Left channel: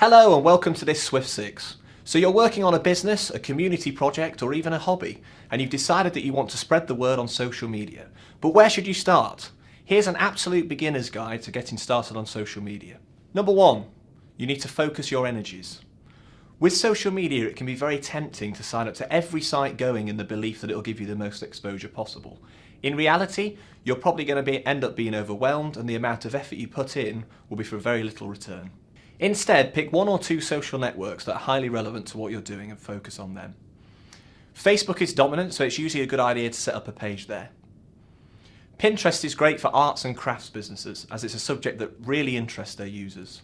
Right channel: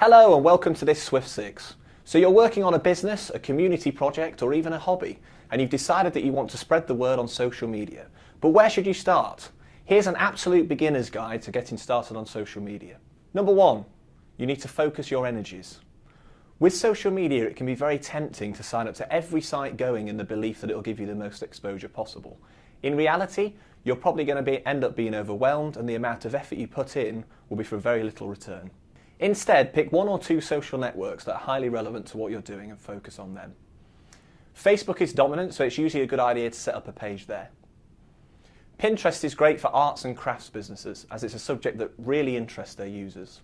Hello and welcome to this Swift 6. So you're working on a business, a community project or even a hobby, and you've decided that you want to spread the word on social media. But where should you start? Here's an absolute beginner's guide to getting started on social media. Number 1, you need to focus your energies. With social media, it can be very tempting to sign up to every site going in the belief that it will give you the most exposure possible. In reality, you're probably going to end up being overwhelmed, and the amount of effort you put in will be for very little return. Instead, pick 1 or 2 social networks that are highly relevant to what you're doing and focus on them. Facebook is dominant, so it's usually a good idea to set up a page there. Pinterest is great for arts and crafts businesses, as it's a subject that really interests their users.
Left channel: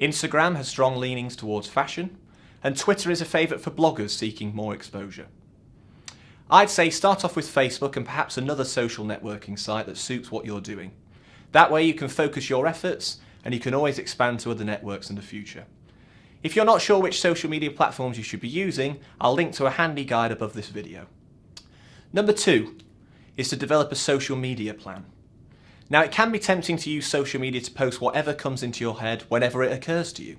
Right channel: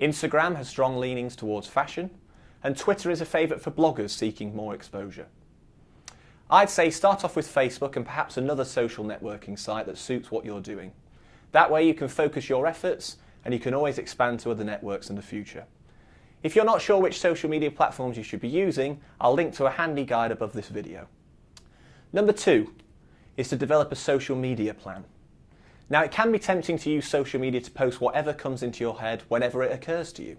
Instagram has strong leanings towards fashion, and Twitter is a favourite for bloggers seeking more exposure. I'd say start off with Facebook and perhaps another social networking site that suits what you're doing. That way you can focus your efforts and you can always expand to other networks in the future. If you're not sure which social media platforms you should be using, I'll link to a handy guide above this video. Number 2 is to develop a social media plan. Now, it can be tempting to use social media to post whatever comes into your head whenever it occurs to you.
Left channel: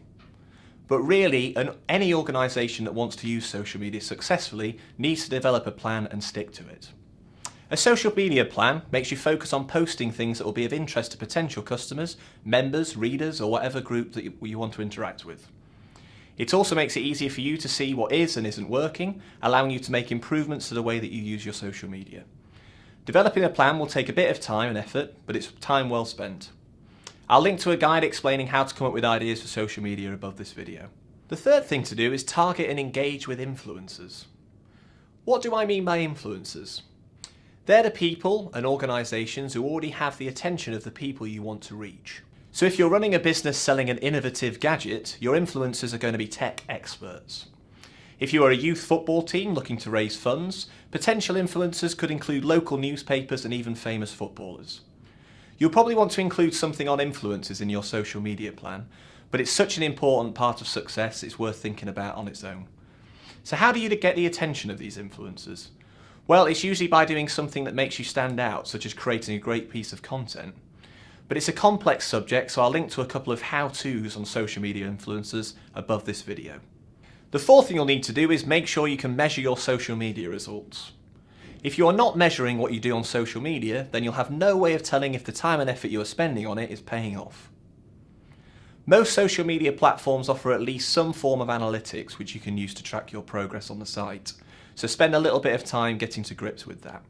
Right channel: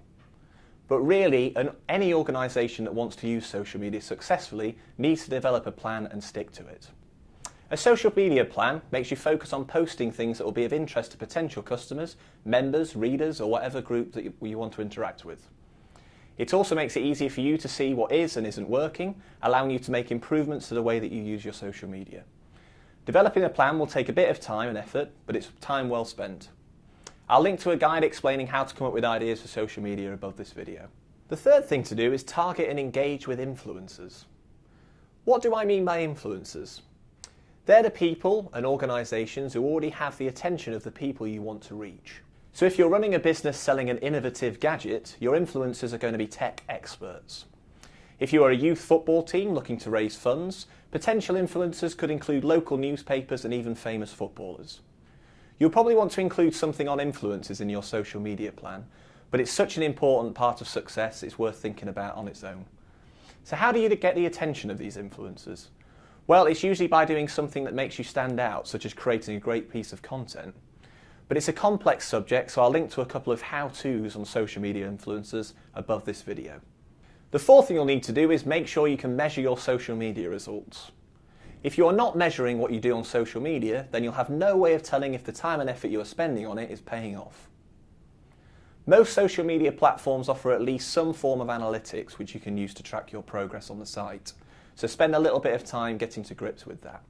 But really, any organisation that wants to use social media successfully needs to develop a plan and stick to it. A social media plan makes you focus on posting things that will be of interest to potential customers, members, readers, or whatever group that you want to interact with. It also makes it easier for you to see what is and isn't working, allowing you to make improvements to the way that you use your social media. Developing a plan will take a bit of time and effort, but it's time well spent. I'll link to a guide explaining how to come up with ideas for social media above this video. The third thing to do is target and engage with influencers. What do I mean by influencers? They're the people and organisations who already have the attention of the people you want to reach. So if you're running a business selling an innovative gadget, your influencers are going to be tech experts. If you are a youth football team looking to raise funds, potential influencers could include local newspapers and even famous footballers. You'll probably want to include something on influencers in your social media plan, but it's such an important part of success it's worth thinking about on its own. So how do you get the attention of these influencers? Well, it's usually by doing something that makes you stand out, such as creating a great piece of content. But it's a complex subject, so I'll link to a couple of how-tos on social media influencers above this video. The fourth thing you'll need to do is make sure you can measure your social media results. If you are not measuring what you do on social media, then you'll have no way of telling if the time and effort you are spending on it is paying off. Most social media platforms offer at least some form of analytics which you can use to track your progress on the site. So spend a little bit of time getting to grips with that.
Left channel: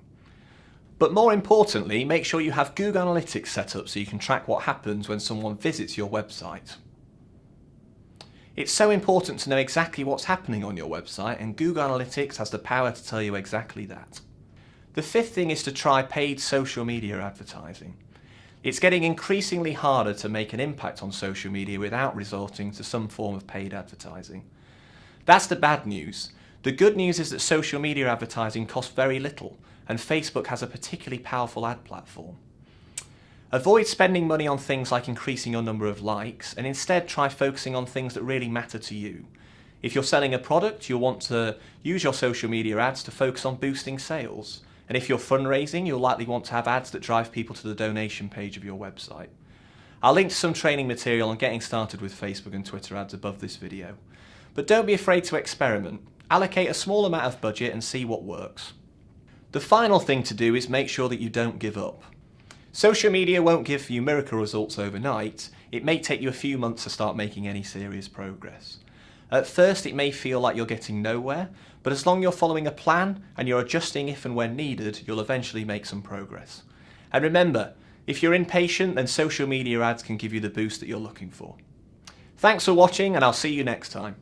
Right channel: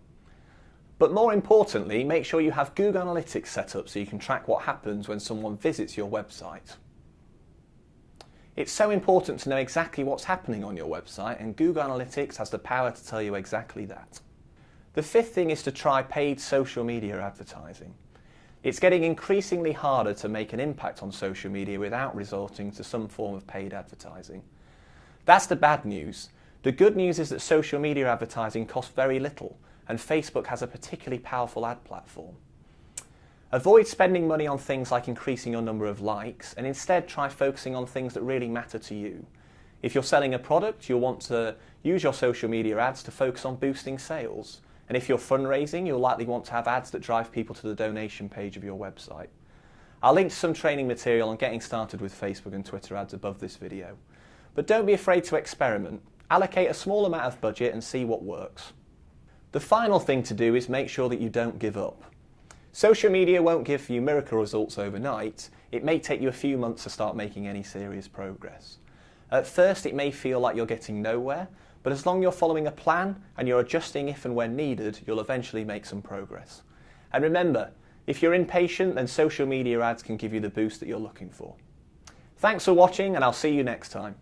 But more importantly, make sure you have Google Analytics set up so you can track what happens when someone visits your website. It's so important to know exactly what's happening on your website, and Google Analytics has the power to tell you exactly that. The fifth thing is to try paid social media advertising. It's getting increasingly harder to make an impact on social media without resorting to some form of paid advertising. That's the bad news. The good news is that social media advertising costs very little, and Facebook has a particularly powerful ad platform. Avoid spending money on things like increasing your number of likes, and instead try focusing on things that really matter to you. If you're selling a product, you'll want to use your social media ads to focus on boosting sales. And if you're fundraising, you'll likely want to have ads that drive people to the donation page of your website. I'll link to some training material on getting started with Facebook and Twitter ads above this video. But don't be afraid to experiment. Allocate a small amount of budget and see what works. The final thing to do is make sure that you don't give up. Social media won't give you miracle results overnight. It may take you a few months to start making any serious progress. At first, it may feel like you're getting nowhere, but as long as you're following a plan and you're adjusting if and when needed, you'll eventually make some progress. And remember, if you're impatient, then social media ads can give you the boost that you're looking for. Thanks for watching, and I'll see you next time.